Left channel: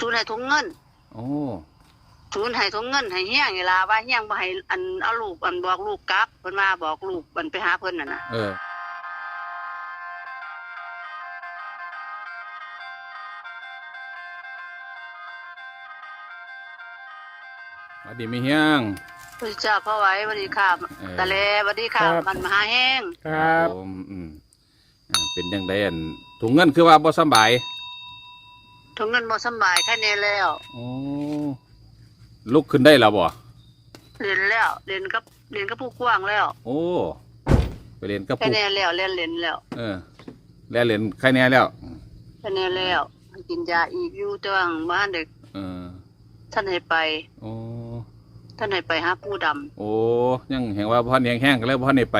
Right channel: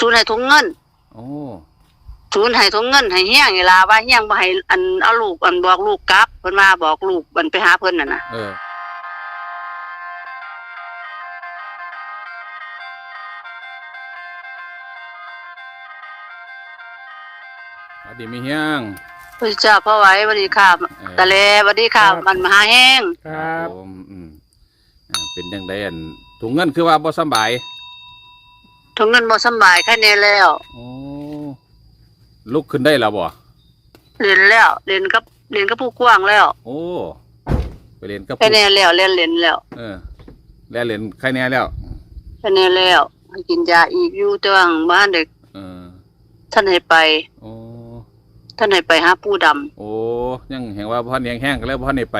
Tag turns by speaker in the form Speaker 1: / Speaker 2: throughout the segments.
Speaker 1: ทุนให้ทุงเงิน
Speaker 2: โอ้
Speaker 1: ทุนให้ทุงเงินให้เฮียงนี่ล่ะว่าเฮียงบ่ให้อันเอาลูกอันบอกลูกกลับเพิ่นว่าบอกลูกมันไปหาเพิ่นน่ะนะ
Speaker 2: เออสวัสดีมีเฮียง
Speaker 1: พระเจ้าพ่อไว้สวัสดีค่ะ
Speaker 2: เออ
Speaker 1: ตะเลสวัสดีค่ะ
Speaker 3: ครับ
Speaker 1: มันมหาแห้ง
Speaker 3: ครับ
Speaker 2: ผมอืมอ่าเป็นยังไงอันถุงเงินคือว่าบ่สำบาย
Speaker 1: ทุงเงินบ่สำบายแค่นี้แล้ว
Speaker 2: โอ้ลุกขึ้นได้แล้วบ่
Speaker 1: เรียนแล้วเรียนกับเรียนกับผู้กว้างแล้ว
Speaker 2: โอ้ไปเรียนกับ
Speaker 1: แค่
Speaker 2: ผู้
Speaker 1: นี้แล้วเรียนเรียนแล้ว
Speaker 2: เออแล้วเรียนใครแน่แล้ว
Speaker 1: แค่นี้แล้วให้กินยาอีกอยู่แต่ว่าบ้านเด็ก
Speaker 2: เออ
Speaker 1: ท่านให้ไป
Speaker 2: โอ้
Speaker 1: ท่านให้ไปหาปู่ดำ
Speaker 2: โอ้ยังเห็นว่าพ่อแห้งๆก็แล้วพ่อนี่ไป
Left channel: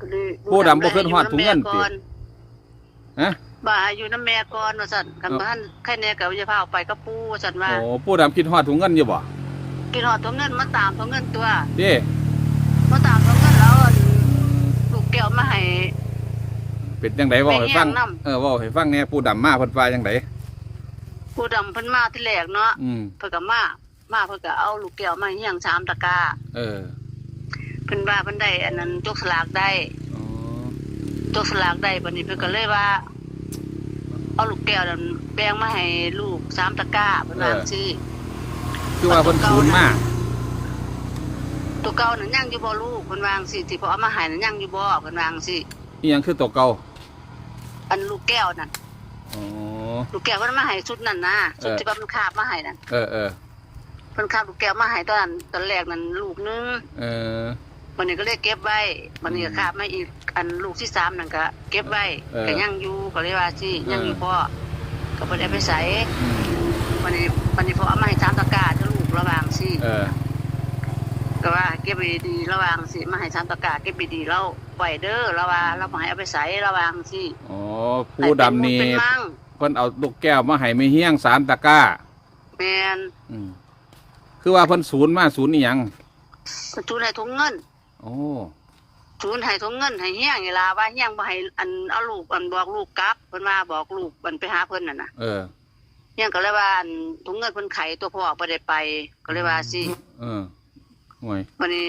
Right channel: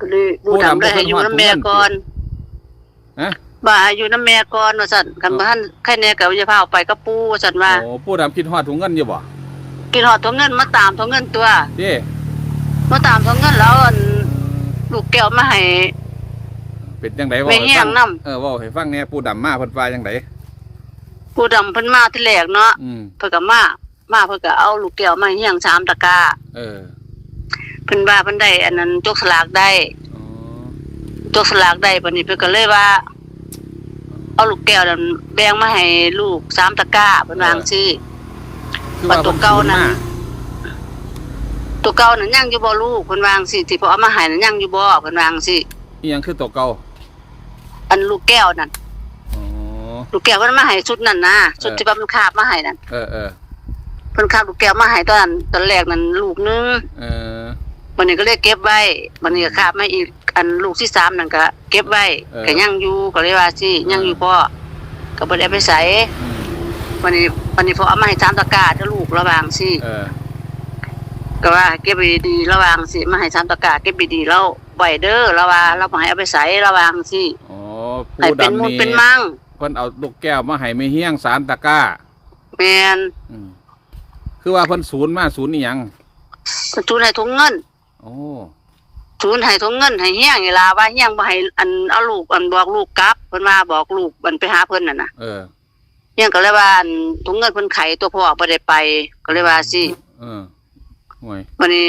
Speaker 1: ก็เลย
Speaker 2: ปู่ดำบ่ขึ้นฮอด
Speaker 1: ให้ยู่ำแม่
Speaker 2: ถุงเงินติ
Speaker 1: ก่อน
Speaker 2: ฮะ
Speaker 1: บ่าอยู่น้ำแม่ก่อนว่าซั่นคันบ่ทันแค่นี้ก็จะพาเอาไปกับปู่ว่าซั่นว่า
Speaker 2: โอ้ปู่ดำคิดฮอดถุงเงินอยู่บ่
Speaker 1: กินหอดทุงเงินมาตามทุงเงินตัว
Speaker 2: เด้
Speaker 1: มาตามทุงเงินแล้วอันลูกแก้วมาให้
Speaker 2: เป็นจังไดเว้าให้ฟัง
Speaker 1: ไปแห้งนำ
Speaker 2: เออเว้าให้ฟังแหน่ปู่ดำมาเพิ่นว่าจังได
Speaker 1: ปู่ดำเพิ่นมาที่แรกเนาะ
Speaker 2: อืม
Speaker 1: เพิ่นก็มามาเพิ่นก็เอาลูกแก้วมาเฮียงสามตะกร้า
Speaker 2: เออ
Speaker 1: เพิ่นว่าเพิ่นได้อันนั้นจกสลากได้
Speaker 2: อ๋อ
Speaker 1: จกสลากได้บัดนี้เพิ่นก็เลยว่า เอาลูกแก้วนั้นแบ่งมาให้ลูกสามตะกร้าเพิ่นว่าจังซี่
Speaker 2: คือว่าเพิ่นศูนย์มา
Speaker 1: ตัวเก่านั้นยังอยู่บ่ลูกเพิ่นว่าจังซี่ที่พ่อเอามาให้นั้นยังอยู่บ่เพิ่นว่าจังซี่
Speaker 2: อีหยังคือตัวเก่า
Speaker 1: อันลูกแก้วนั่น
Speaker 2: อ๋อ
Speaker 1: ลูกแก้วเพิ่นมาให้ชุดนั้นนะชุด
Speaker 2: เออ
Speaker 1: ที่ว่ามันคาบมาให้นั่น
Speaker 2: เออเออ
Speaker 1: เพิ่นคาบลูกแก้วมาให้ตอนนั้นตอนแรกนั้นลูกหนึง
Speaker 2: เออ
Speaker 1: วันนี้ก็เลยเก็บไว้วันนี้ก็คาบมาอีกอันลูกที่สามนั่นก็เก็บไว้
Speaker 2: เออ
Speaker 1: ก็ยังอยู่ก็เลยว่าสิยังอยู่พ่อก็บ่ได้เอาไปใส่
Speaker 2: อืม
Speaker 1: วันนี้วันนี้พอเอามาให้สามตะกร้าเด้อลูกระวังสิ
Speaker 2: เออ
Speaker 1: ก็ว่าเก็บไว้ดีๆระวังสิมาให้สามตะกร้าเก็บไว้ดีแล้วไว้เด้อระว่าเราบ่ให้เอาไปใส่ระวังสิ
Speaker 2: อ๋อ
Speaker 1: ให้
Speaker 2: ปู่
Speaker 1: เป็น
Speaker 2: ดำ
Speaker 1: มุด
Speaker 2: นี่
Speaker 1: เป็นมั่ง
Speaker 2: เพิ่นเอาลูกแก้วมาให้ไม่เฮี้ยงสารตะกร้า
Speaker 1: แม่น
Speaker 2: อืมคือว่าเพิ่นศูนย์มาศูนย์อีหยัง
Speaker 1: ทุนให้ถุงเงิน
Speaker 2: โอ้
Speaker 1: ทุนให้ถุงเงินให้เฮียงนี่ล่ะว่าเฮียงบ่ให้อันเอาลูกอันบอกลูกกลับเพิ่นว่าบอกลูกมันไปหาเพิ่นน่ะนะ
Speaker 2: เออ
Speaker 1: เฮียงก็เลยว่าอันถุงเงินเพิ่นไขตัวพ่อบ่ได้ไป ก็เลยว่าสิ
Speaker 2: เออห่วย
Speaker 1: วันนี้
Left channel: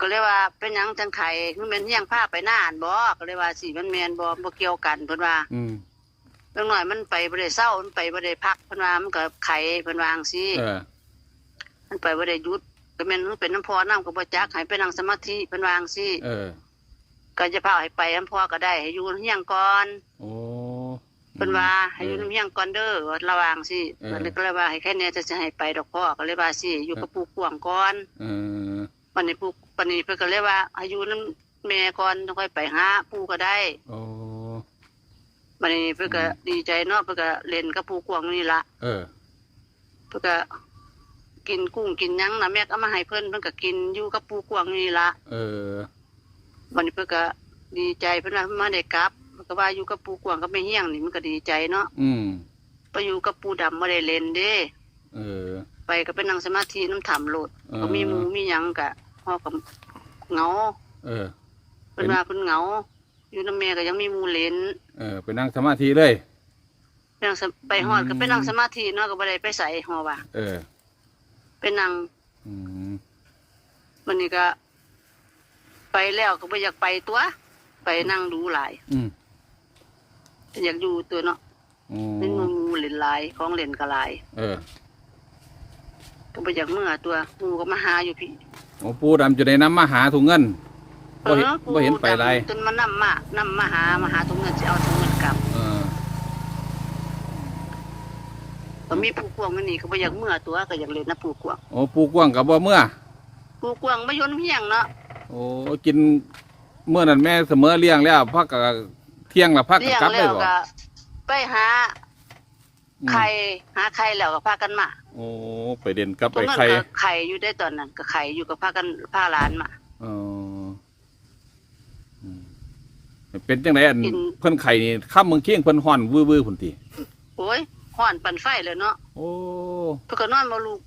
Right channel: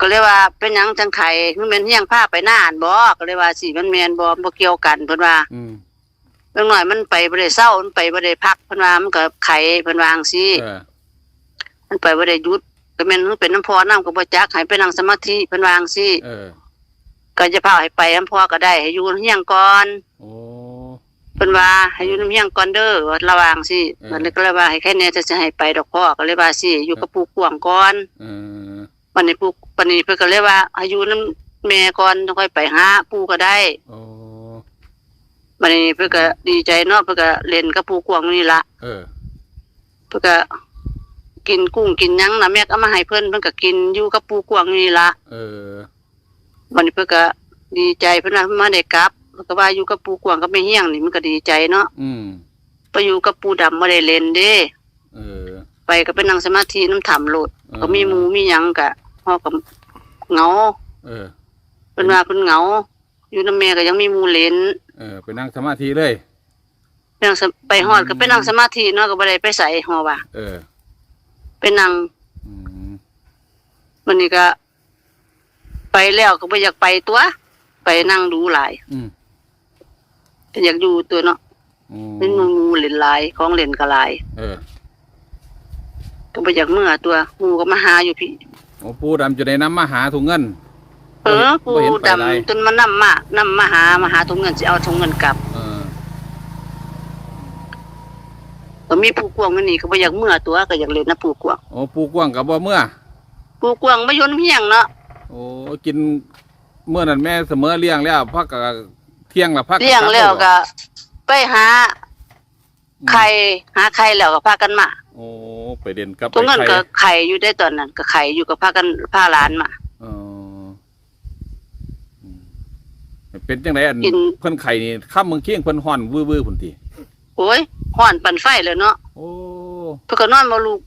Speaker 1: ก็เลยว่าเป็นหยังจังไขมันเป็นเฮียงพาไปหน้าอันบ่ก็เลยว่าสิมันแม่นบ่บ่เกี่ยวกันเพิ่นว่า
Speaker 2: อืม
Speaker 1: เรื่องน้อยมันไปบ่ได้เศร้ามันไปบ่ได้พักเพิ่นว่ามันก็ไขเพิ่นว่าจังซี่
Speaker 2: เออ
Speaker 1: มันไปบ่ได้หยุด ก็แม่นมันเป็นน้ำพอน้ำก็บ่จักให้ไปนั่งสมาธิเพิ่นว่าจังซี่
Speaker 2: เออ
Speaker 1: ก็จะพาให้ไปน้ำพอก็ได้ให้อยู่เฮียงก่อน
Speaker 2: โอ้
Speaker 1: เพิ่นว่าให้อยู่น้ำเฮียงก่อนเด้อว่าระวังสิ
Speaker 2: เออ
Speaker 1: มันก็เลยว่าให้แค่นี้จะจะให้ไปดอกพ่อก็เลยว่าสิอยู่กับปู่กวางก่อน
Speaker 2: เออ
Speaker 1: วันนี้ปู่วันนี้เพิ่นก็เลยว่าให้อยู่น้ำแม่ก่อนต้องค่อยไปหาปู่ก็ได้
Speaker 2: โอ้
Speaker 1: วันนี้เพิ่นก็ดีใจเนาะเพิ่นก็เล่นกับปู่กวางนี่ละ
Speaker 2: เออ
Speaker 1: เพิ่นก็ กินกุ้งกินหยังนะแม่ก็เอามาให้เพิ่นเพิ่นก็กินอยู่กับปู่กวางนี่ละ
Speaker 2: เออ
Speaker 1: วันนี้เพิ่นก็ดีใจเพิ่นว่าเพิ่นมาได้กลับเพิ่นก็ว่าอยู่กับปู่กวางกับแม่เฮียงนี่มันก็ดีใจเนาะ
Speaker 2: อืม
Speaker 1: ไปอยู่กับปู่ดำบ่ได้เล่นเด้
Speaker 2: เออ
Speaker 1: ไปก็ไปนั่งสมาธิน้ำถ้ำโลด
Speaker 2: เออ
Speaker 1: ก็มีหมูมีหยังกะฮอกับเหงา
Speaker 2: เออ
Speaker 1: เพิ่นว่าเพิ่นเหงา อยู่น้ำแม่ก็ยังมีหมูเล่น
Speaker 2: เออไปนั่งสมาธิเลย
Speaker 1: ไปนั่งสมไปฮอดก็ไปนั่งสมาธิเนาะก็บ่ได้ไปใส่ฮอว่า
Speaker 2: เออ
Speaker 1: ไปนั่ง
Speaker 2: อืม
Speaker 1: วันนี้ก็ ไปแล้วก็บ่อยากไปตัว ไปนั่งดูหลาย
Speaker 2: อืม
Speaker 1: อยากอยู่ตัวเนาะ
Speaker 2: โอ้
Speaker 1: เป็นหมูเล่นหลายของเล่นก็หลาย
Speaker 2: เออ
Speaker 1: ก็บ่อยากเมื่อตัวหมูก็มาหาอยู่พี่
Speaker 2: โอ้ปู่ดำจะได้นำมาหาถุงเงิน
Speaker 1: เอ
Speaker 2: บ่เห็น
Speaker 1: อ
Speaker 2: บ่เห็น
Speaker 1: ปู่
Speaker 2: ไปไร
Speaker 1: ดำจนมานำมานํมาหามาหาถุงเงินสิเอาถุงเงินกลับ
Speaker 2: เออ
Speaker 1: ก็มีผู้กวางมันนี่ก็บ่อยากเมื่อตัวก็อยากเล่นนะผู้กวาง
Speaker 2: โอ้ปู่กว้างกับบ่เมื่อ
Speaker 1: ผู้กวางบ่ยนเฮียงเนาะ
Speaker 2: โอ้กินเมื่อนั้นแม่เสมอเลี้ยงแล้วพักกับเที่ยงละพัก
Speaker 1: เลี้ยง
Speaker 2: กบ
Speaker 1: แล้ว
Speaker 2: บ่
Speaker 1: ก็ ไปหาไข่หาไข่แล้วก็พากันมา
Speaker 2: โอ้ไปเด่นกับ
Speaker 1: ตร
Speaker 2: ไป
Speaker 1: งนั้น
Speaker 2: ไข่
Speaker 1: ก็ไข่อยู่ได้ตอนนั้นก็ไข่อยู่กับพากันพาหลานมา
Speaker 2: อ๋ออืมเป็นจังไดอัน
Speaker 1: กิน
Speaker 2: เพิ่นไข่นี่ข้ามเมืองเคียงเพิ่นฮ้อนวื้อๆพุ่นติ
Speaker 1: โอ้ย ฮ้อนปั่นไฟเลยเนาะ
Speaker 2: โอ้
Speaker 1: เพิ่นก็นอนบ่ลูก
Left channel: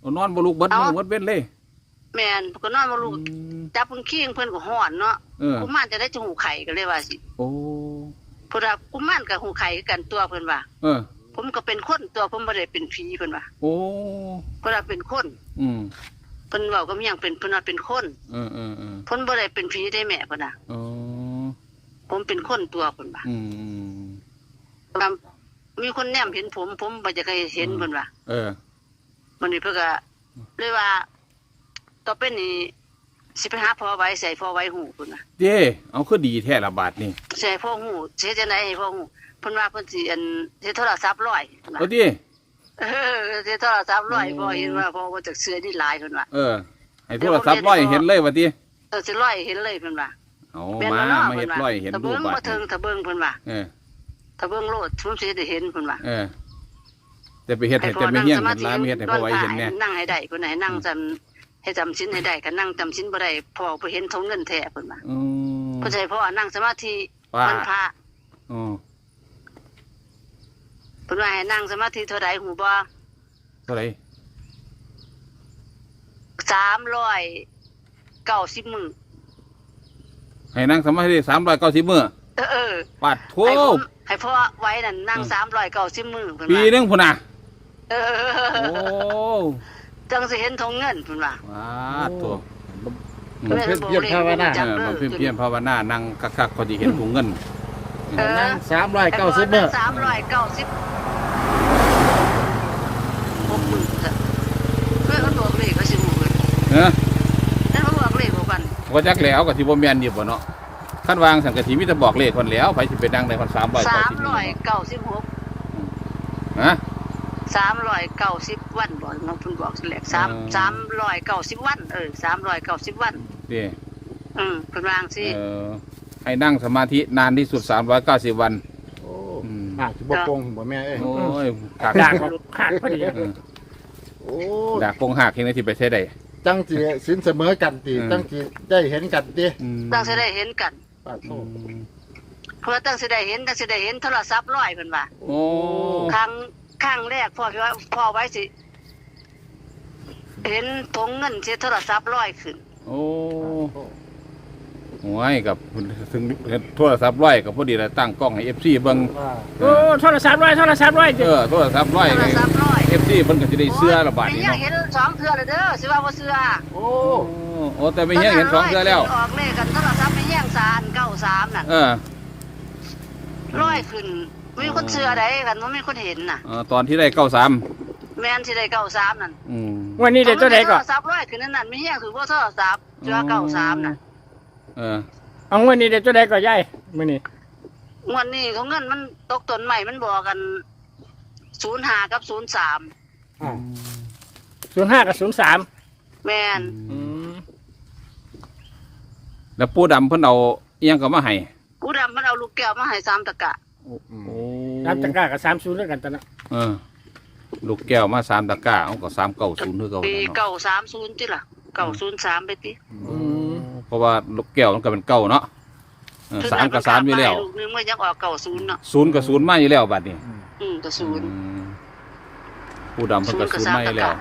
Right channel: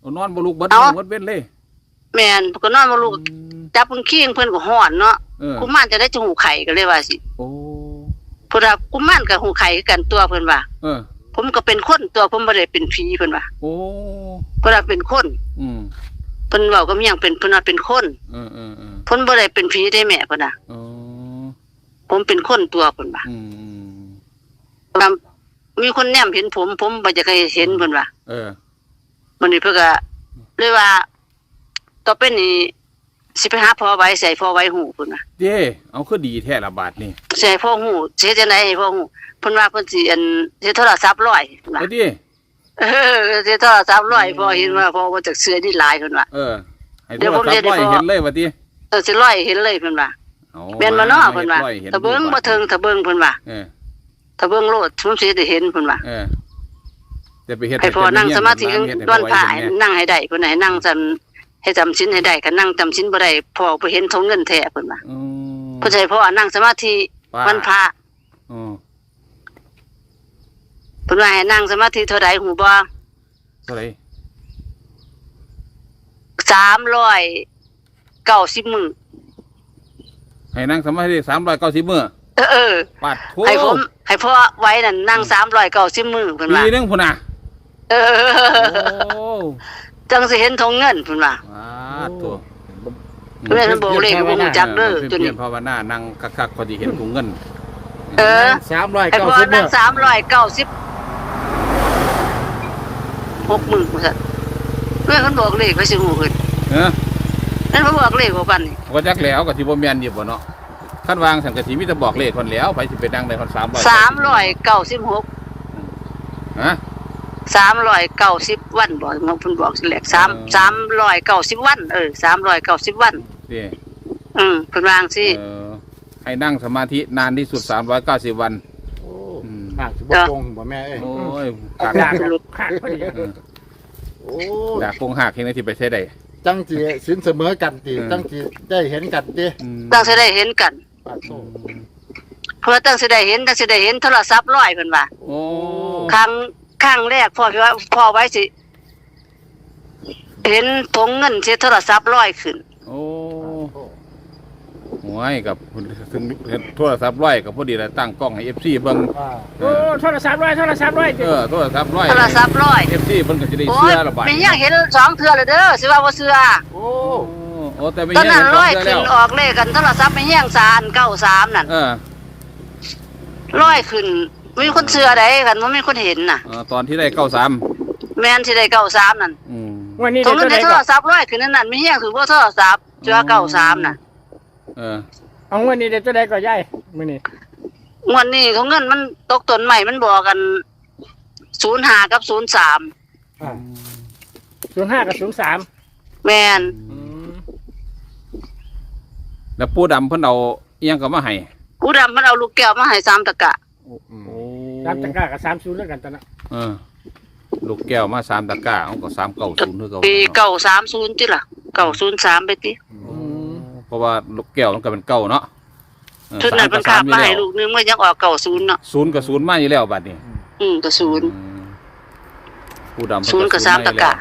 Speaker 2: เอานอนบ่ลุกเบิด
Speaker 1: เอ้า
Speaker 2: มื้อเบิดเว้นเลย
Speaker 1: แม่นเพิ่นก็นอนบ่ลูก
Speaker 2: อืม
Speaker 1: จับเพิ่นขี้งเพิ่นก็ฮ้อนเนาะ
Speaker 2: เออ
Speaker 1: กุมารจะได้จหูไข่ก็เลยว่าสิ
Speaker 2: โอ้
Speaker 1: เพิ่นว่ากุมารกับหูไข่คือกันตัวเพิ่นว่า
Speaker 2: เออ
Speaker 1: ผมก็เป็นคนตัวผมบ่ได้เป็นผีเพิ่นว่า
Speaker 2: โอ้
Speaker 1: เพิ่นว่าเป็นคน
Speaker 2: อืม
Speaker 1: เพิ่นเว้าก็มีหยังเป็นเพิ่นว่าเป็นคน
Speaker 2: เออเออเออ
Speaker 1: เพิ่นบ่ได้เป็นผีได้แม่เพิ่นน่ะ
Speaker 2: อ๋อ
Speaker 1: ผมเป็นคนตัวเพิ่นว่า
Speaker 2: อืมอืม
Speaker 1: ว่า มีคนแนมเห็นผม ผมบ่จะเคยเห็นเพิ่นว่า
Speaker 2: เออ
Speaker 1: มันนี่เพิ่นก็เลยว่าต่อไปนี้สิไปหาพ่อไว้ใส่พ่อไว้หูเพิ่นว่า
Speaker 2: เด้เอาคือดีแท้ละบาทนี่
Speaker 1: ใส่พ่อหูสิเฮ็ดจังไดให้พ่อหูเพิ่นว่าเพิ่นสิอันสิโทรศัพท์ร้อยเพิ่นว่า
Speaker 2: เอาดิ
Speaker 1: เออสิโทรศัพท์ร้อยพ่อเห็นว่าพ่อบ่จักเสื้อนี่หลายเพิ่นว่า
Speaker 2: เออ ให้โทรศัพท์ร้อยเห็นเลยว่าติ
Speaker 1: เออสิร้อยเห็นเลยเพิ่นว่า
Speaker 2: เอา
Speaker 1: แม่นบ่
Speaker 2: มา
Speaker 1: เนาะ
Speaker 2: มา
Speaker 1: เพิ่
Speaker 2: เฮ็
Speaker 1: น
Speaker 2: ด
Speaker 1: ว่า
Speaker 2: ร้อยเห็น
Speaker 1: ถ้าเบิ่ง
Speaker 2: รูป
Speaker 1: บ่
Speaker 2: บาท
Speaker 1: เทิงถ้าเบิ่งเพิ่นว่า
Speaker 2: เออ
Speaker 1: ถ้าเบิ่งโลดผมสิได้เห็นเพิ่นว่า
Speaker 2: เออจะไปเฮ็ด
Speaker 1: ให้
Speaker 2: ให้
Speaker 1: พ่อ
Speaker 2: แต่ไม่
Speaker 1: นั่ง
Speaker 2: เฮีย
Speaker 1: ส
Speaker 2: ง
Speaker 1: มา
Speaker 2: กับ
Speaker 1: ธิ
Speaker 2: น้ำเฮ็ดให้
Speaker 1: ด้
Speaker 2: พ่
Speaker 1: ว
Speaker 2: อนไว้
Speaker 1: ผ่า
Speaker 2: เห็น
Speaker 1: ให้
Speaker 2: แน่
Speaker 1: นั่งให้ได้เพิ่นให้นั่งจำให้จำศีลให้ได้ก็นั่งจำศีลบ่ได้พ่อบ่เห็นทงเงินแท้เพิ่นว่า
Speaker 2: อืม
Speaker 1: เพิ่นสิให้พ่อนั่งสมาธิ
Speaker 2: ว่า
Speaker 1: วันพระ
Speaker 2: อ๋อ
Speaker 1: เพิ่นว่าให้นั่งสมาธิเท่าใดหูบ่
Speaker 2: เท่าไหร่
Speaker 1: 390มื้อ
Speaker 2: ให้นั่งสมาธิ390มื้อ
Speaker 1: เออ เออ
Speaker 2: ปาดโถ
Speaker 1: ให้ผมให้พ่อไว้นั่นนั่ง390มื้อเพิ่น
Speaker 2: ปี
Speaker 1: ว่า
Speaker 2: หนึงพุ่นน่ะ
Speaker 1: เอ
Speaker 2: โอ้
Speaker 1: อจังสิเห็นทงเงินเพิ่นว่า
Speaker 2: ปาดโถ
Speaker 1: เพิ่นให้บอกเลขบ่ฮู้จักเด้อ
Speaker 2: เออมัน
Speaker 1: จุ
Speaker 2: เพี
Speaker 1: นี้
Speaker 2: ยนภาวนานั่งคักๆพอดีเห็นถุงเงิน
Speaker 1: เออ
Speaker 3: สามร้อย
Speaker 1: ไอ้
Speaker 3: เก้า
Speaker 1: พ่อ
Speaker 3: สิบ
Speaker 1: นั่
Speaker 3: เมื่
Speaker 1: ง
Speaker 3: อ
Speaker 1: สามร้อยเก้าสิบหกหมื่นกูสัเพื่อนเขาบอกเลขไปสิหมู่เพิ่น
Speaker 2: เออ
Speaker 1: นั่นเขาบอกเลขของปันนี่
Speaker 2: ก็จักแล้วก็สิบ่แม่นอยู่บ่เนาะ คันวางสังกะสีมีแต่บอกเลขคนแล้วไผสิไปดังได้คน300
Speaker 1: สามร้อยเก้าสิบหก
Speaker 2: ฮะ
Speaker 1: สามร้อยเก้าสิบวันบอกมันเพิ่นบอกสิแหลกสาม
Speaker 2: เออ
Speaker 1: สามร้อยเก้าสิบวัน เออสามร้อยเก้าสิบวัน
Speaker 2: เด้
Speaker 1: อืมเพิ่นวางสิ
Speaker 2: เออให้นั่งสมาธินานที่สุด390วัน
Speaker 3: โอ้
Speaker 2: อืม
Speaker 3: หักสิบตรงบ่แม่เอ้ย
Speaker 2: โอ้ยกาก
Speaker 3: หักหักพอดี
Speaker 2: เออ
Speaker 3: โอ้
Speaker 2: ดากคงหักเฮ็ดได้สิไปใช้ได้
Speaker 3: จังสิสินเสมอกันติ
Speaker 2: เออ
Speaker 3: จังสิได้เห็นกันติ
Speaker 2: อืม
Speaker 1: ตั้งสิได้เห็นกัน
Speaker 3: ปาดโท
Speaker 2: อืม
Speaker 1: เพื่อตั้งสิได้เห็นตั้งสิได้เห็นโทรศัพท์ร้อยเพิ่นว่า
Speaker 2: โอ้
Speaker 1: ครั้งครั้งแรกพ่อพี่ว่าพ่อไว้สิ เห็นผงเงินเสียโทรศัพท์ร้อยขึ้น
Speaker 2: โอ้หวยกับถึงโทรศัพท์ร้อยกับพอดีแล้วตั้งกล้องให้ FC เบิ่ง
Speaker 3: อ่า
Speaker 2: เอ
Speaker 4: โอ้
Speaker 2: อ
Speaker 4: โทรศัพท์ร้อยโทรศัพท์ร้อย
Speaker 2: เออโทรศัพท์ร้อย
Speaker 1: โทรศัพท์ร้อย
Speaker 2: เอฟซีเพิ่นก็สิได้เสื้อละบาด
Speaker 1: เป็น
Speaker 2: นี้
Speaker 1: ยัง
Speaker 2: เนาะ
Speaker 1: เห็นสองเทื่อเลยเด้อสิว่าบ่เชื่อ
Speaker 3: โอ้
Speaker 2: โอ้โอ้แต่ไม่
Speaker 1: ตอน
Speaker 2: เฮีย
Speaker 1: นั้
Speaker 2: เห็
Speaker 1: น
Speaker 2: นสอ
Speaker 1: ร้
Speaker 2: ง
Speaker 1: อย
Speaker 2: เทื่อ
Speaker 1: ขึ้
Speaker 2: แล้ว
Speaker 1: นออกเลขกันโทรศัพท์ไม่แย่งสารเก้าสามนั่น
Speaker 2: เออ
Speaker 1: ร้อยขึ้นมีคนเชื่อได้กันว่ามีคนเห็นน่ะ
Speaker 2: เออตอนที่ได้เก้าสาม
Speaker 1: แม่นสิได้เก้าสามนั่น
Speaker 2: อืม
Speaker 4: วันนี้
Speaker 1: ตร
Speaker 4: เดี๋ย
Speaker 1: ง
Speaker 4: ว
Speaker 1: นั้
Speaker 4: ตัวนใดก่อน
Speaker 1: ได้โทรศัพท์ร้อยขึ้นนั่นนั่นไม่แย่งถือว่าโทรศัพท์เชื่อเก้าสามน่ะ
Speaker 2: เออ
Speaker 4: เอาวันนี้เดี๋ยวตัวใดก่อนยายมื้อนี้
Speaker 1: งวดนี้ของเงินมันตกต้นใหม่มันบอกกันศูนย์ห้ากับศูนย์สาม
Speaker 3: อ่า
Speaker 4: 05กับ03
Speaker 1: แม่น
Speaker 4: อืม
Speaker 2: แล้วปูดำเพิ่นเอาเอียงก็มาให้
Speaker 1: กูดำมันเอาลูกแก้วมาให้สามตะกะ
Speaker 2: โอ้
Speaker 4: ตามตะกร้ากับ30แล้วกันตอนนั้น
Speaker 2: เออ ลูกแก้วมาสามตะกร้าเอาก็สามเก้าศูนย์คือเก่า
Speaker 1: ปี
Speaker 2: เนาะ
Speaker 1: เก้าสามศูนย์ติล่ะเก้าศูนย์สามไปติ
Speaker 2: โอ้เพราะว่าลูกแก้วมันก็เป็นเก้าเนาะเออ
Speaker 1: ชุด
Speaker 2: สาม
Speaker 1: นั้น
Speaker 2: กั
Speaker 1: มั
Speaker 2: บ
Speaker 1: น
Speaker 2: สา
Speaker 1: ขาม
Speaker 2: อยู่
Speaker 1: มา
Speaker 2: แล้
Speaker 1: ให้
Speaker 2: ว
Speaker 1: ลูกนึงมันยังออกเก้าศูนย์เนาะ
Speaker 2: ศูนย์กับศูนย์มาอยู่แล้วบัดนี้
Speaker 1: อืมก็ศูนย์
Speaker 2: อืมปูดำเพิ่น
Speaker 1: ศูน
Speaker 2: ก็
Speaker 1: ย์กับ
Speaker 2: ศูนย์มาอยู่แล้ว
Speaker 1: สามตะกร้า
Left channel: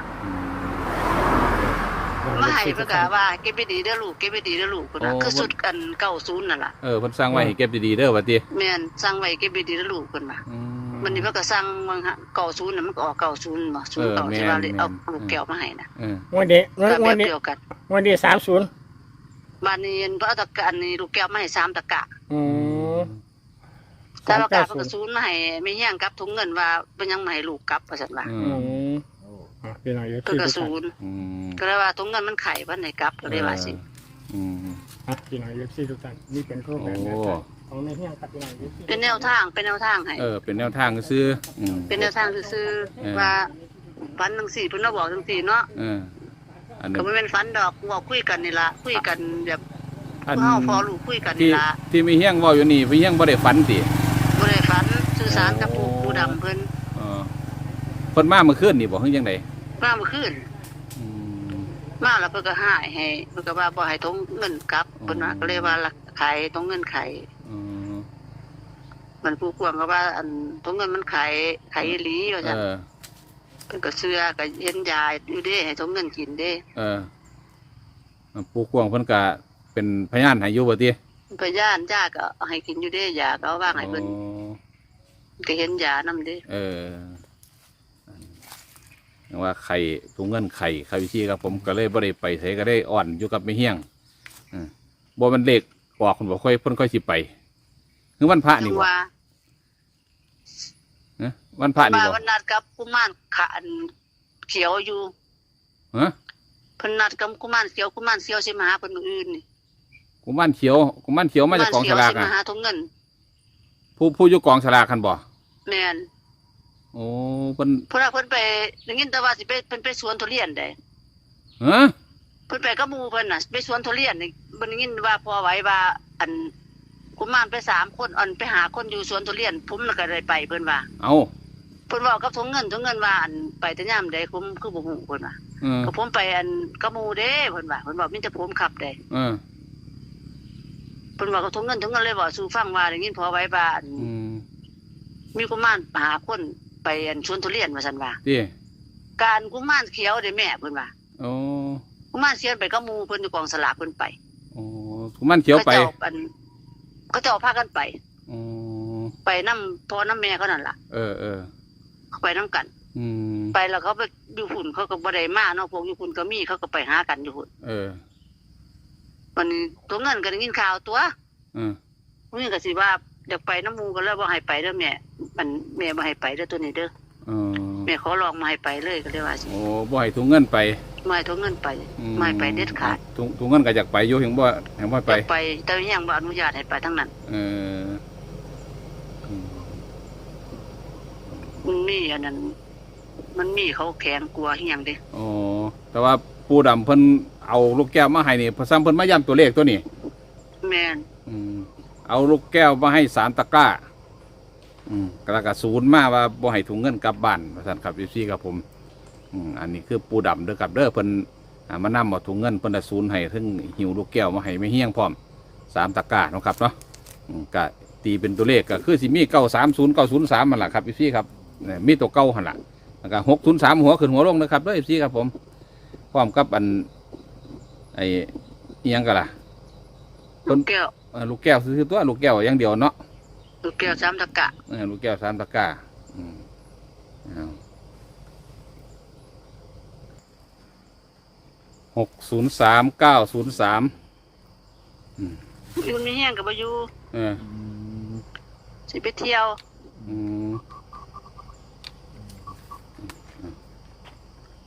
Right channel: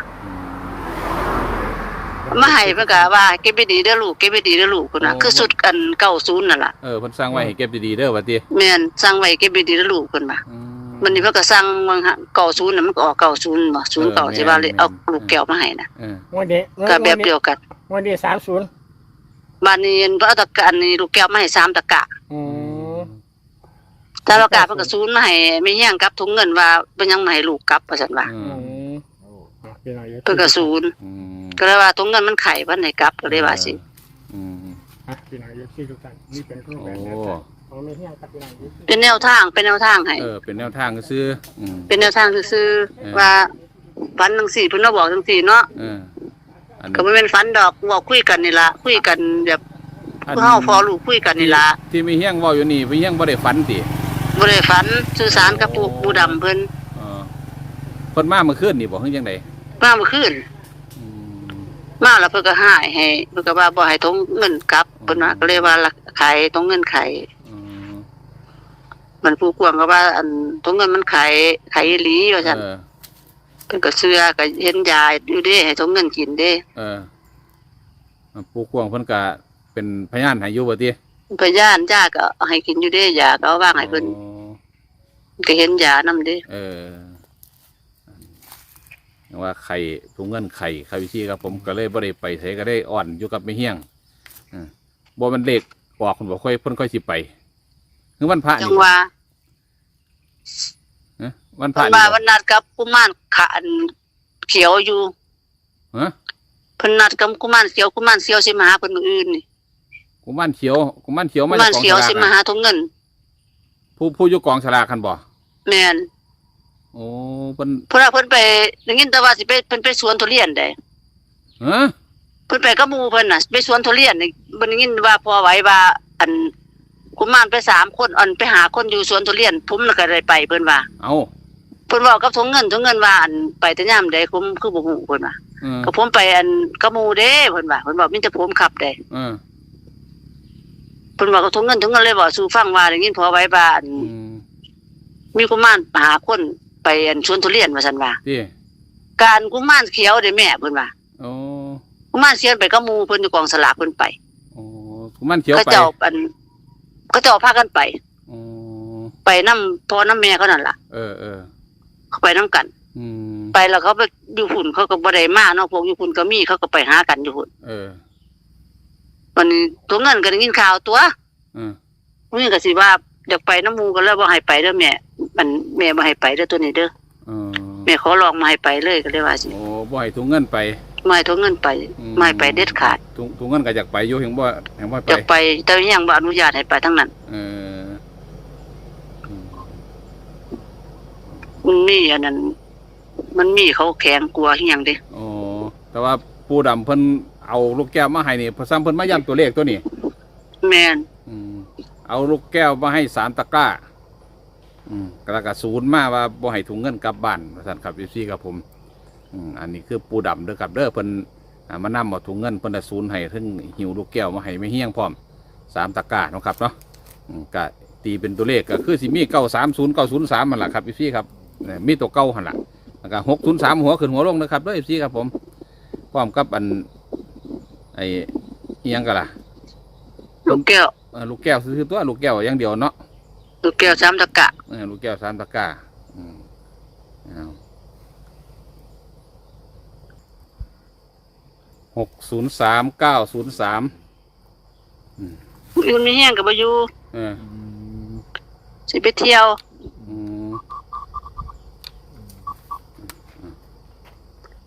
Speaker 1: มาให้เพิ่นก็ว่าเก็บไปดีเด้อลูกเก็บไปดีเด้อลูกพุ่นน่ะคือสุดอันเก้าศูนย์นั่นล่ะ
Speaker 2: เออเพิ่นสร้างไว้ให้เก็บดีๆเด้อบัดนี้
Speaker 1: แม่นสั่งไว้เก็บไปดีเด้อลูกเพิ่นว่า
Speaker 2: อืม
Speaker 1: วันนี้เพิ่นก็สั่งวังเก้าศูนย์น่ะมันก็ออกเก้าศูนย์บ่ศูนย์
Speaker 2: เออ
Speaker 1: เก้าที่ว่าเลย
Speaker 2: แม่น
Speaker 1: เอา
Speaker 2: แม่น
Speaker 1: ลูกแก้วมาให้น่ะ
Speaker 2: เออ
Speaker 4: วันนี้
Speaker 1: ก็
Speaker 4: วัน
Speaker 1: แบบ
Speaker 4: นี้
Speaker 1: เดียวกัน
Speaker 4: วันนี้30
Speaker 1: บ้านนี้เพิ่นเอาตะกะอันนี้ลูกแก้วมาให้สามตะกะ
Speaker 4: อืม
Speaker 1: แต่ตะกะเพิ่นก็ศูนย์มาให้ไม่แย่งกับถุงเงินว่าเป็นยังมาให้ลูกกลับว่าซั่นว่า
Speaker 2: อื
Speaker 4: อื
Speaker 2: ม
Speaker 4: มอะพี่น้องอยู่
Speaker 1: เพิ่นก็ศูนย์
Speaker 2: อืม
Speaker 1: ก็เลยว่าถุงเงินมันไข่บ่ให้กลับก็เลยว่าสิ
Speaker 2: อืม
Speaker 4: อะพี่น้องอยู่ที่ทุกท่านนี่เป็นข้อ
Speaker 2: โอ้
Speaker 4: แบบของในเฮียกับพี่น้องอยู่ที่
Speaker 1: เป็นแนวทางเป็นแนวทางให้
Speaker 2: เออเป็นแนวทางซื้ออืม
Speaker 1: เป็นแนวทางซื่อ
Speaker 2: เออ
Speaker 1: ๆว่าฝันจังซี่เพิ่นมาบอกจังซี่เนาะ
Speaker 2: เอออัน
Speaker 1: ก็
Speaker 2: นี้
Speaker 1: บ่แม่นฝันดอกเว้าคุยกันนี่ล่ะคุยกันแบบ
Speaker 2: อัน
Speaker 1: ผู้เฮาพอลูกคุยกัน
Speaker 2: ที่
Speaker 1: นี่ล่ะ
Speaker 2: ที่มีเฮียงเว่าอยู่นี่มีเฮียงบ่ได้ฝันติ
Speaker 1: บ่ได้ฝันสื่อสารกับปู่ปู่ดำเพิ่น
Speaker 2: เออเพิ่นมาเมื่อคืนนี่บ่เฮ็ดจังได
Speaker 1: มาเมื่อคืน
Speaker 2: อื ม
Speaker 1: มาแล้วเพิ่นก็หายให้เพิ่นก็ว่าบ่ให้ทงเงินกลับ
Speaker 2: อ๋อ
Speaker 1: เพิ่นว่าก็เลยว่าละขายทงเงินขาย
Speaker 2: อืม
Speaker 1: มันผู้กวางก็ว่า อันทงเงินมันขายขายอีหลีว่าซั่น
Speaker 2: เออ
Speaker 1: เพิ่นก็เชื่อก็เห็นยาอยู่เด้ให้ทงเงินกินเด้
Speaker 2: เออปู่กวางเพิ่นก็เป็นพยานให้อยู่บ่ติ
Speaker 1: พยานยาก็เอาให้กินอยู่เด้ยาก็เอาวางให้เพิ่น
Speaker 2: อ๋อ
Speaker 1: ก็เห็นยานำเด้
Speaker 2: เออ อย่างว่าไข่ถุงเงินไข่ไข่วิชีครับผมก็เลยบ่ได้ไปใส่ก็ได้อ่อนอยู่กับไม่เฮี้ยงอืมบ่มันเล็กออกคนบ่ค่อยเพิ่นค่อยสิไปคือวันพระ
Speaker 1: จั
Speaker 2: นี่
Speaker 1: ง
Speaker 2: บ่
Speaker 1: ว่า
Speaker 2: ฮะวันพระนี่
Speaker 1: มา
Speaker 2: บ่
Speaker 1: วันนัดกับกุมารขะอันเขียวอยู่
Speaker 2: ฮะ
Speaker 1: เพิ่นนัดกับกุมารเขียวกุมารเขียวสิมาหาเพิ่นมื้ออื่นนี่
Speaker 2: กุมารเขียวกุมารเขียว
Speaker 1: กุ
Speaker 2: มาจาก
Speaker 1: มาร
Speaker 2: กอง
Speaker 1: เขีย
Speaker 2: ฉ
Speaker 1: ว
Speaker 2: ลาก
Speaker 1: สิมา
Speaker 2: อะ
Speaker 1: หาทงเงิน
Speaker 2: ผู้ผู้อยู่กองฉลากคันบ่
Speaker 1: แม่น
Speaker 2: โอ้เพิ่น
Speaker 1: เพิ่นว่าเพิ่นไปได้ยินแต่ว่าสิไปเพิ่นไปสวนทุเรียนได้
Speaker 2: ฮะ
Speaker 1: เพิ่นไปกับหมู่เพิ่นน่ะ ไปสวนทุเรียนนี่เพิ่นได้ยินว่าพอไหว้ว่า อันกุมารไปสามคนอันไปหาคนอยู่สวนทุเรียนผมน่ะก็ได้ไปเพิ่นว่า
Speaker 2: เอา
Speaker 1: เพิ่นเว้ากับทงเงินทงเงินว่าอันไปแต่ยามใดผมคือบ่ฮู้เพิ่นว่า
Speaker 2: เออ
Speaker 1: ก็ผมไปอันกับหมู่เด้เพิ่นว่าเพิ่นบอกมีแต่ผมขับได้
Speaker 2: เออ
Speaker 1: เพิ่นว่ากับทงเงินทงเงินเลยบอกสู่ฟังว่าได้ยินพอไหว้ว่าอัน
Speaker 2: อืม
Speaker 1: มีกุมารหาคน ไปอันสวนทุเรียนว่าซั่นว่า
Speaker 2: ที่
Speaker 1: การกุมารเขียวเด้แม่เพิ่นว่า
Speaker 2: โอ้
Speaker 1: กุมารเขียวไปกับหมู่เพิ่นอยู่กองสลากเพิ่นไป
Speaker 2: โอ้กุมารเขียว
Speaker 1: เขา
Speaker 2: ไป
Speaker 1: เจ้าอันเขาเจ้าพากันไป
Speaker 2: โอ้
Speaker 1: ไปนํพ่อนํแม่เขานั่นล่ะ
Speaker 2: เออเออ
Speaker 1: เขาไปนํกัน
Speaker 2: อืม
Speaker 1: ไปแล้วเขาไปอยู่หุ่นเขาก็บ่ได้มาเนาะพวกอยู่หุ่นก็มีเขาก็ไปหากันอยู่หุ่น
Speaker 2: เออ
Speaker 1: วันนี้ตัวเงินก็ได้ยินข่าวตัว
Speaker 2: เออ
Speaker 1: มื้อนี้ก็สิว่าอยากไปน้ำหมู่ก็เลยบ่ให้ไปเด้อแม่ มันแม่บ่ให้ไปเด้อตัวนี้เด้อ
Speaker 2: เออ
Speaker 1: แม่ขอลองมาให้ไปเลยก็เลยว่าสิ
Speaker 2: โอ้บ่ให้ถุงเงินไป
Speaker 1: ไม่ให้ทวงเงินไป
Speaker 2: อื
Speaker 1: ไม่ให้ไปเด็ดขาด
Speaker 2: ถุงถุงเงินก็อยากไปอยู่เห็นบ่เห็นบ่
Speaker 1: อ
Speaker 2: ไป
Speaker 1: ยากไปแต่ยังบ่อนุญาตให้ไปทั้งนั้น
Speaker 2: เอออืม
Speaker 1: มันมีอันนั้น มันมีเขาแข็งกลัวอีหยังเด้
Speaker 2: โอ้แต่ว่าปูดำเพิ่นเอาลูกแก้วมาให้นี่เพอซ้ำเพิ่นมาย้ำตัวเลขตัวนี้
Speaker 1: แม่น
Speaker 2: อืมเอาลูกแก้วมาให้สามตะกร้า อืมกระกระศูนย์มาว่าบ่ให้ถุงเงินกลับบ้านว่าซั่นครับพี่ครับผมอืมอันนี้คือปูดำเด้อครับเด้อเพิ่นอ่ามานำเอาถุงเงินเพิ่นน่ะศูนย์ให้ถึงหิวลูกแก้วมาให้ไม่เฮี้ยงพร้อมสามตะกร้าเนาะครับเนาะอืมก็ตีเป็นตัวเลขก็คือสิมีเก้าสามศูนย์เก้าศูนย์สามมันล่ะครับพี่ครับเนี่ยมีตัวเก้าหันล่ะแล้วก็หกศูนย์สามหัวขึ้นหัวลงนะครับเด้อพี่ครับผมพร้อมกับอันไอ้อิหยังกันล่ะ
Speaker 1: ลูกแก้ว
Speaker 2: เอ่อลูกแก้วซื้อตัวลูกแก้วอย่างเดียวเนาะ
Speaker 1: ลูกแก้วสามตะกะ
Speaker 2: เออลูกแก้วสามตะกร้าอืมเอาหกศูนย์สามเก้าศูนย์สาม
Speaker 1: มันมีแห้งก็บ่อยู่
Speaker 2: เออ
Speaker 1: สิไปเที่ยว
Speaker 2: อืม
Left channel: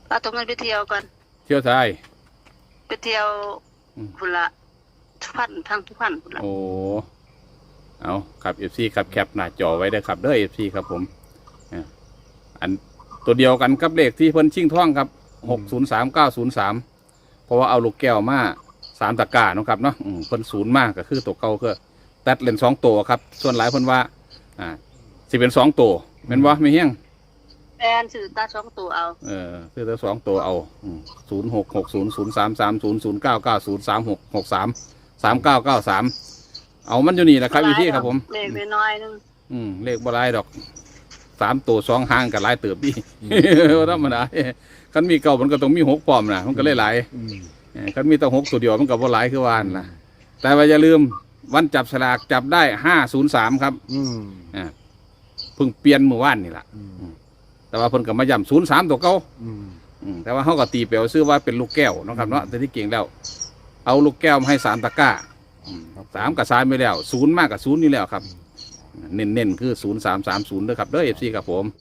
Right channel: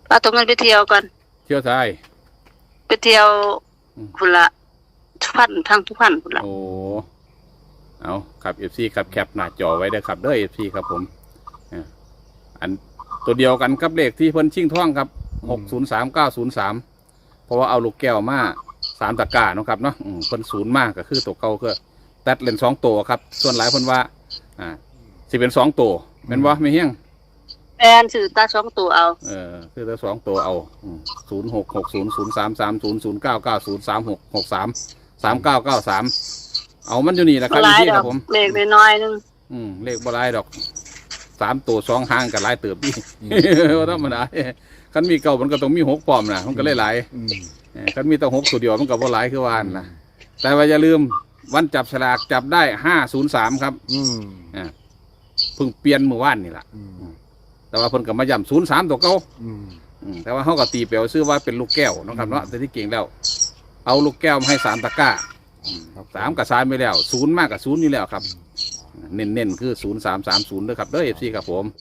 Speaker 1: พาตัวเงินไปเที่ยวกัน
Speaker 2: เที่ยวไทย
Speaker 1: ไปเที่ยว
Speaker 2: อืม
Speaker 1: พุ่นละทุกพันทางทุกพันพุ่นละ
Speaker 2: โอ้ เอาครับเอฟซีครับแคปหน้าจอไว้เด้อครับเด้อเอฟซีครับผมอ่าอันตัวเดียวกันกับเลขที่เพิ่นชิงท่องครับหกศูนย์สามเก้าศูนย์สามเพราะว่าเอาลูกแก้วมาสามตะกร้าเนาะครับเนาะอืมเพิ่นศูนย์มากก็คือตัวเก่าคือตัดเลนสองตัวครับ ส่วนหลายเพิ่นว่า อ่าสิเป็นสองตัวแม่นบ่ไม่เฮี้ยง
Speaker 1: แอนซื้อตาสองตัวเอา
Speaker 2: เออคือตัวสองตัวเอาศูนย์หกหกศูนย์ศูนย์สามสามศูนย์ศูนย์เก้าเก้าศูนย์สามหกหกสามสามเก้าเก้าสาม เอามันอยู่นี่แหละครับ
Speaker 1: หลา
Speaker 2: พี่
Speaker 1: ย
Speaker 2: ค
Speaker 1: ด
Speaker 2: รั
Speaker 1: อบก
Speaker 2: ผม
Speaker 1: เลขน้อยๆนึง
Speaker 2: อืมเลขบ่หลายดอกสามตัวสองหางกับหลายเติบพี่ว่าธรรมดาคันมีเก่ามันก็ต้องมีหกปลอมนะมันก็เลยหลายเออคันมีแต่หกตัวเดียวมันก็บ่หลายคือวานั่นนะแต่ว่าอย่าลืมวันจับฉลากจับได้ห้าศูนย์สามครับ
Speaker 3: อืม
Speaker 2: อ่าเพิ่งเปลี่ยนเมื่อวานนี่แหละ
Speaker 3: อืม
Speaker 2: แต่ว่าเพิ่นก็มาย้ำศูนย์สามตัวเก่า
Speaker 3: อืม
Speaker 2: อืมแต่ว่าเขาก็ตีเปลวซื้อว่าเป็นลูกแก้วเนาะครับเนาะแต่ที่เก่งแล้ว เอาลูกแก้วมาให้สามตะกร้าอืม สามกับสามไปแล้วศูนย์มากกับศูนย์นี่แล้วครับ เน้นๆคือศูนย์สามสามศูนย์ด้วยครับเด้อเอฟซีครับผม